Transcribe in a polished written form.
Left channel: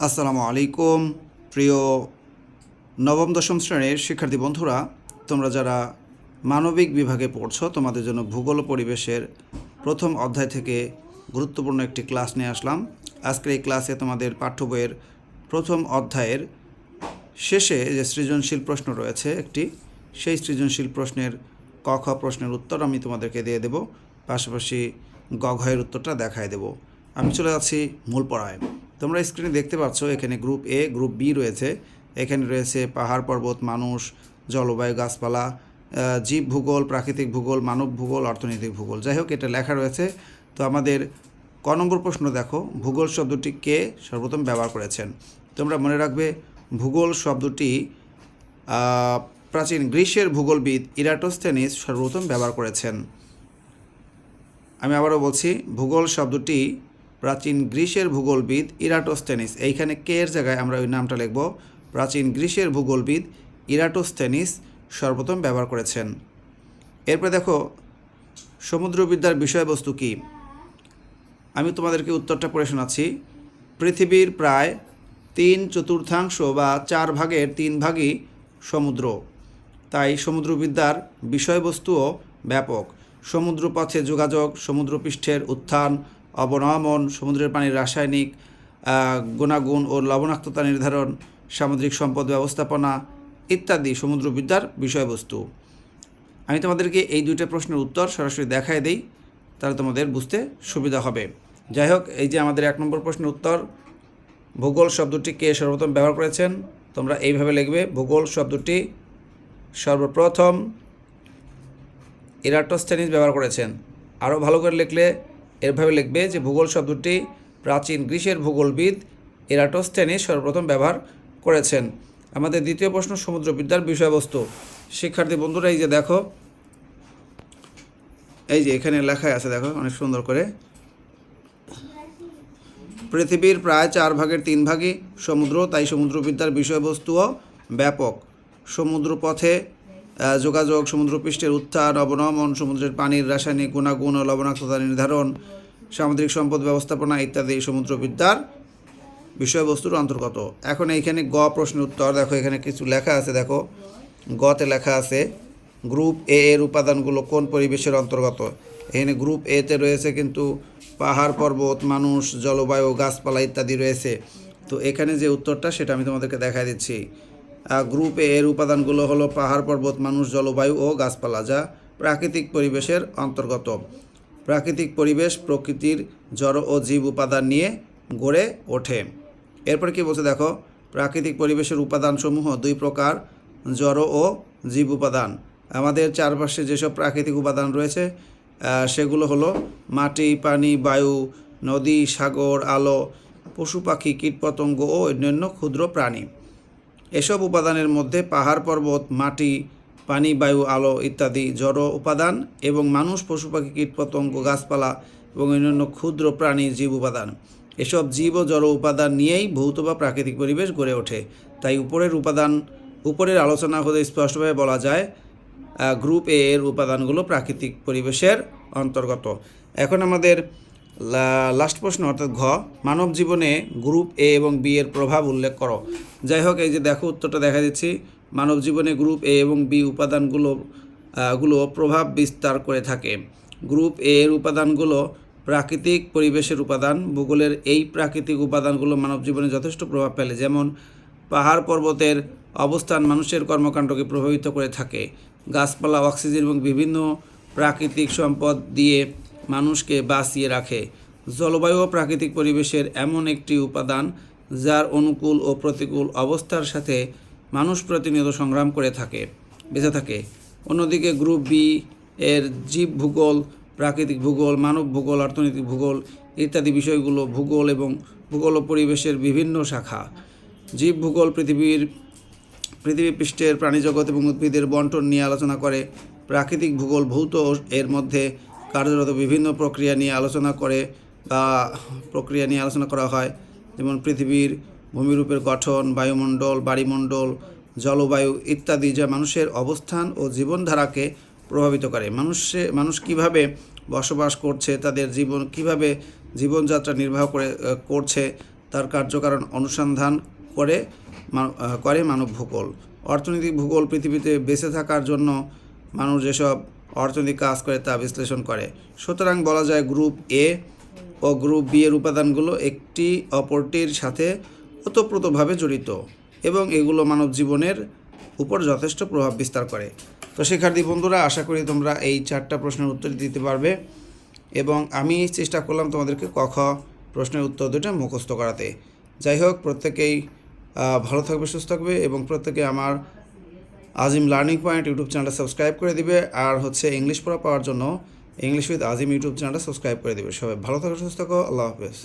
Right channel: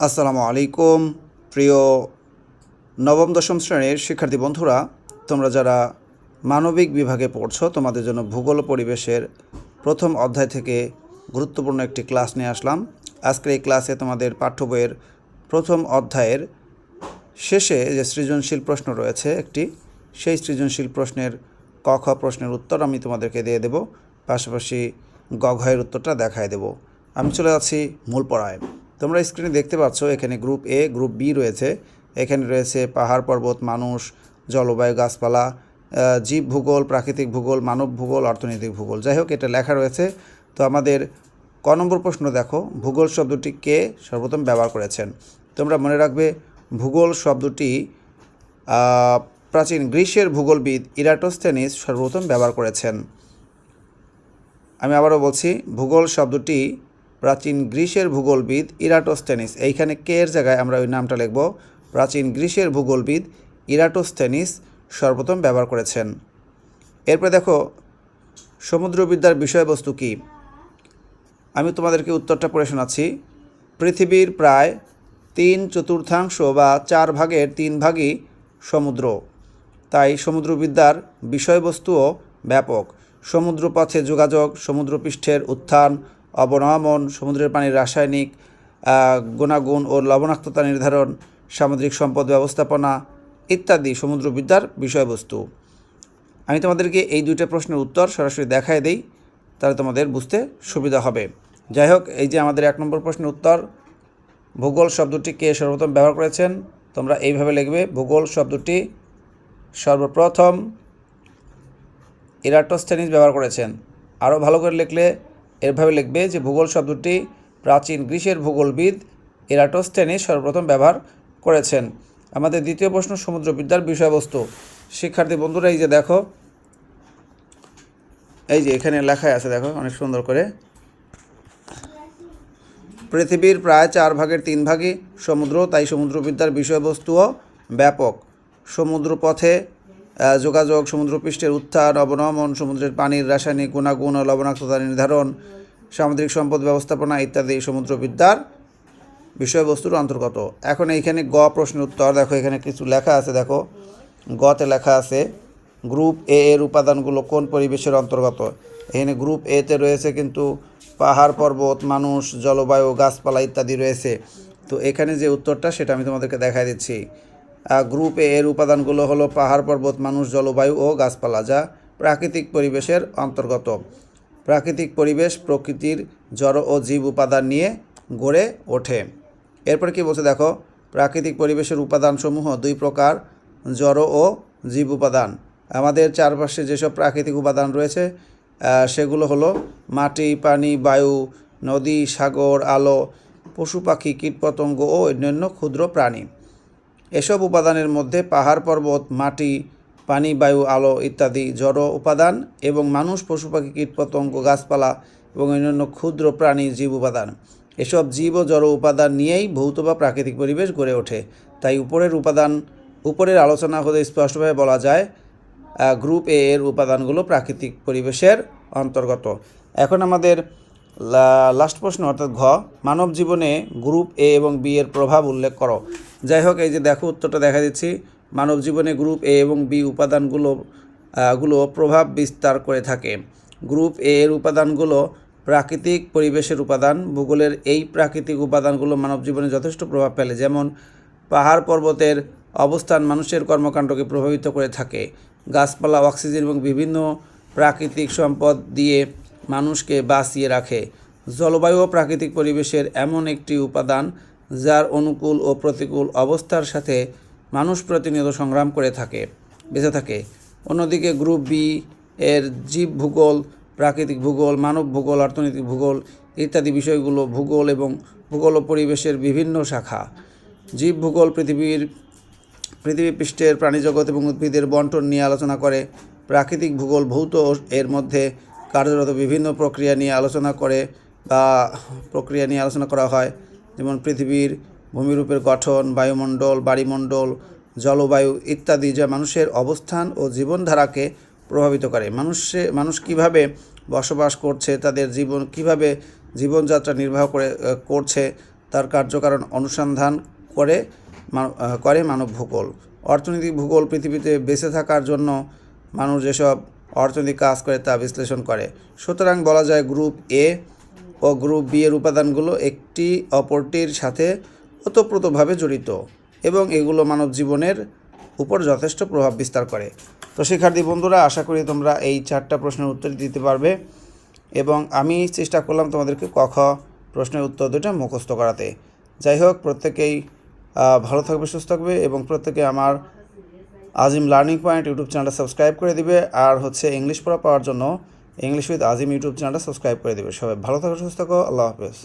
আসসালামু আলাইকুম প্রিয় নবম দশম শ্রেণীর শিক্ষার্থী বন্ধুরা, তোমরা যারা মানবিক বিভাগে পড়ছো তোমাদের জন্য ভূগোল ও পরিবেশের প্রথম অধ্যায় থেকে গুরুত্বপূর্ণ একটি ক্লাস নিয়ে আসলাম। আজকের এই ক্লাসে তোমাদের পাঠ্য বইয়ের প্রথম অধ্যায়ের শেষে যে সৃজনশীল প্রশ্ন রয়েছে একটি, সেই সৃজনশীল প্রশ্নের ক খ প্রশ্নের উত্তর আমি তোমাদেরকে দিয়ে দেব, পাশাপাশি গ ঘয়ের উত্তরটা দেখায় দেব। আমি চলে যাচ্ছি মূল পড়ায়। তোমরা স্ক্রিনে দেখতে পাচ্ছ এখানে গ্রুপ এ, গ্রুপ বি রয়েছে। এখানে রয়েছে পাহাড় পর্বত, মানুষ, জলবায়ু, গাছপালা, জীব ভূগোল, প্রাকৃতিক ভূগোল, মানব ভূগোল, অর্থনৈতিক ভূগোল। যাই হোক, এটা লেখা রয়েছে। তো আমাদের ক নম্বর প্রশ্ন দেখো, ভূগোল শব্দটি কে সর্বপ্রথম ব্যবহার করেছেন? তোমরা মনে রাখবে ভূগোল শব্দটি প্রাচীন গ্রিসের ভূগোলবিদ ইরাটোস্থেনিস সর্বপ্রথম ব্যবহার করেছেন। আমি আবারও বলছি, ভূগোল শব্দটি প্রাচীন গ্রিসের ভূগোলবিদ ইরাটোস্থেনিস, এইখানে কে এর জায়গায় আমরা ওই নামটা লিখব, প্রাচীন গ্রিসের ভূগোলবিদ ইরাটোস্থেনিস সর্বপ্রথম ব্যবহার করেছেন। এরপরে দেখো সমুদ্রবিদ্যার বিষয়বস্তু কী। আমি তোমাদেরকে উত্তরটা পড়ে শোনাচ্ছি। পৃথিবীর প্রায় 3/4 বা 4 ভাগের 3 ভাগই সমুদ্র, তাই সমুদ্রবিদ্যার বিষয়বস্তুও ব্যাপক। সমুদ্রপথে যোগাযোগ, সমুদ্রপৃষ্ঠের উত্থান অবনমন, সমুদ্রের পানির রাসায়নিক গুণাগুণ ও লবণাক্ততা নির্ধারণ, সামুদ্রিক সম্পদ ব্যবস্থাপনা ইত্যাদি সমুদ্রবিদ্যার বিষয়বস্তু। আমি তোমাদেরকে এই দুইটা প্রশ্নের উত্তর সরাসরি দেখায় দেই, তাহলে তোমাদের বুঝতে সুবিধা হবে। যাই হোক, এই যে আমাদের 1 নম্বর প্রশ্নের উত্তর, ভূগোল শব্দটি কে সর্বপ্রথম ব্যবহার করেছেন, তোমরা এইভাবে লিখবে, ভূগোল শব্দটি সর্বপ্রথম ইরাটোস্থেনিস ব্যবহার করেছেন। আরও ভালো করে লিখলে এভাবে লিখবে যে ভূগোল শব্দটি প্রাচীন গ্রিসের ভূগোলবিদ ইরাটোস্থেনিস সর্বপ্রথম ব্যবহার করেছেন। আমাদের দ্বিতীয় প্রশ্ন, সমুদ্রবিদ্যার বিষয়বস্তু। শিক্ষার্থী বন্ধুরা, এই যে দেখো, এই যে এখানে লেখাই আছে, দেখো অনেক সুন্দর করে, পৃথিবীর প্রায় 4 ভাগের 3 ভাগই সমুদ্র, তাই সমুদ্রবিদ্যার বিষয়বস্তুও ব্যাপক। সমুদ্রপথে যোগাযোগ, সমুদ্রপৃষ্ঠের উত্থান অবনমন, সমুদ্রের পানির রাসায়নিক গুণাগুণ ও লবণাক্ততা নির্ধারণ, সামুদ্রিক সম্পদ ব্যবস্থাপনা ইত্যাদি সমুদ্রবিদ্যার বিষয়বস্তুর অন্তর্গত। এখন এইখানে গ প্রশ্নের উত্তর দেখো, এখানে কিছু লেখা আছে, দেখো গতে লেখা আছে গ্রুপ এ এর উপাদানগুলো কোন পরিবেশের অন্তর্গত। এখানে গ্রুপ এতে রয়েছে কিন্তু পাহাড় পর্বত, মানুষ, জলবায়ু, গাছপালা ইত্যাদি রয়েছে। তো এখানে যে উত্তরটা সেটা আমি তোমাদেরকে দেখাই দিচ্ছি। গ্রুপ এ এর উপাদানগুলো হলো পাহাড় পর্বত, মানুষ, জলবায়ু ও গাছপালা, যা প্রাকৃতিক পরিবেশের অন্তর্গত। প্রাকৃতিক পরিবেশ প্রকৃতির জড় ও জীব উপাদান নিয়ে গড়ে ওঠে। এরপর কি বলছে দেখো, প্রাকৃতিক পরিবেশের উপাদানসমূহ 2 প্রকার, জড় ও জীব উপাদান। আমাদের চারপাশে যেসব প্রাকৃতিক উপাদান রয়েছে সেগুলো হলো মাটি, পানি, বায়ু, নদী, সাগর, আলো, পশু পাখি, কীটপতঙ্গ ও অন্যান্য ক্ষুদ্র প্রাণী। এসব উপাদানের মধ্যে পাহাড় পর্বত, মাটি, পানি, বায়ু, আলো ইত্যাদি জড় উপাদান এবং মানুষ, পশু পাখি, কীটপতঙ্গ, গাছপালা এবং অন্যান্য ক্ষুদ্র প্রাণী জীব উপাদান। এসব জীব ও জড় উপাদান নিয়েই ভৌত বা প্রাকৃতিক পরিবেশ গড়ে ওঠে। তাই উপরের আলোচনা হতে স্পষ্টভাবে বলা যায় গ্রুপ এ এর উপাদানগুলো প্রাকৃতিক পরিবেশের অন্তর্গত। এখন আমাদের লাস্ট প্রশ্ন অর্থাৎ ঘ, মানব জীবনে গ্রুপ এ এবং বি এর প্রভাব উল্লেখ করো। যাই হোক, এই যে দেখো উত্তরটা দেখা দিচ্ছি, মানব জীবনে গ্রুপ এ এবং বি উপাদানগুলো প্রভাব বিস্তার করে থাকে। গ্রুপ এ এর উপাদানগুলো প্রাকৃতিক পরিবেশের উপাদান। ভূগোলের এই প্রাকৃতিক উপাদানগুলো মানব জীবনে যথেষ্ট প্রভাব ফেলে, যেমন পাহাড় পর্বতের অবস্থান মানুষের কর্মকাণ্ডকে প্রভাবিত করে থাকে। গাছপালা অক্সিজেন এবং বিভিন্ন প্রাকৃতিক সম্পদ দিয়ে মানুষকে বাঁচিয়ে রাখে। জলবায়ু ও প্রাকৃতিক পরিবেশের এমন একটি উপাদান যার অনুকূল ও প্রতিকূল অবস্থার সাথে মানুষ প্রতিনিয়ত সংগ্রাম করে বেঁচে থাকে। অন্যদিকে গ্রুপ বি এর জীব ভূগোল, প্রাকৃতিক ভূগোল, মানব ভূগোল, অর্থনৈতিক ভূগোল ইত্যাদি বিষয়গুলো ভূগোল ও পরিবেশের বিভিন্ন শাখা। জীব ভূগোল পৃথিবী পৃষ্ঠের প্রাণীজগৎ এবং উদ্ভিদের বন্টন নিয়ে আলোচনা করে। প্রাকৃতিক ভূগোল ভৌত এর মধ্যে কার্যরত বিভিন্ন প্রক্রিয়া নিয়ে আলোচনা করা হয়, যেমন পৃথিবীর ভূমিরূপের গঠন, বায়ুমণ্ডল, বাড়িমণ্ডল, জলবায়ু ইত্যাদি, যা মানুষের অবস্থান ও জীবনধারাকে প্রভাবিত করে। মানুষ কীভাবে বসবাস করছে, তাদের কীভাবে জীবনযাত্রা নির্বাহ করছে তার কার্যকারণ অনুসন্ধান করে মানব ভূগোল। অর্থনৈতিক ভূগোল পৃথিবীতে বেঁচে থাকার জন্য মানুষ যেসব অর্থনৈতিক কাজ করে তা বিশ্লেষণ করে। সুতরাং বলা যায় গ্রুপ এ ও গ্রুপ বি এর উপাদানগুলো একটি অপরটির সাথে ওতপ্রোতভাবে জড়িত এবং এগুলো মানব জীবনের উপর যথেষ্ট প্রভাব বিস্তার করে। তো শিক্ষার্থী বন্ধুরা, আশা করি তোমরা এই 4টা প্রশ্নের উত্তর দিতে পারবে এবং আমি চেষ্টা করলাম তোমাদেরকে ক খ প্রশ্নের উত্তর দুটো মুখস্থ করাতে। যাই হোক, প্রত্যেকেই ভালো থাকবে, সুস্থ থাকবে এবং প্রত্যেকে আমার আজিম লার্নিং পয়েন্ট ইউটিউব চ্যানেলটা সাবস্ক্রাইব করে দিবে। আর ইংলিশ পড়া পাওয়ার জন্য ইংলিশ উইথ আজিম ইউটিউব চ্যানেলটা সাবস্ক্রাইব করে দিবে। সবাই ভালো থাকো, সুস্থ থাকো। আল্লাহ হাফেজ।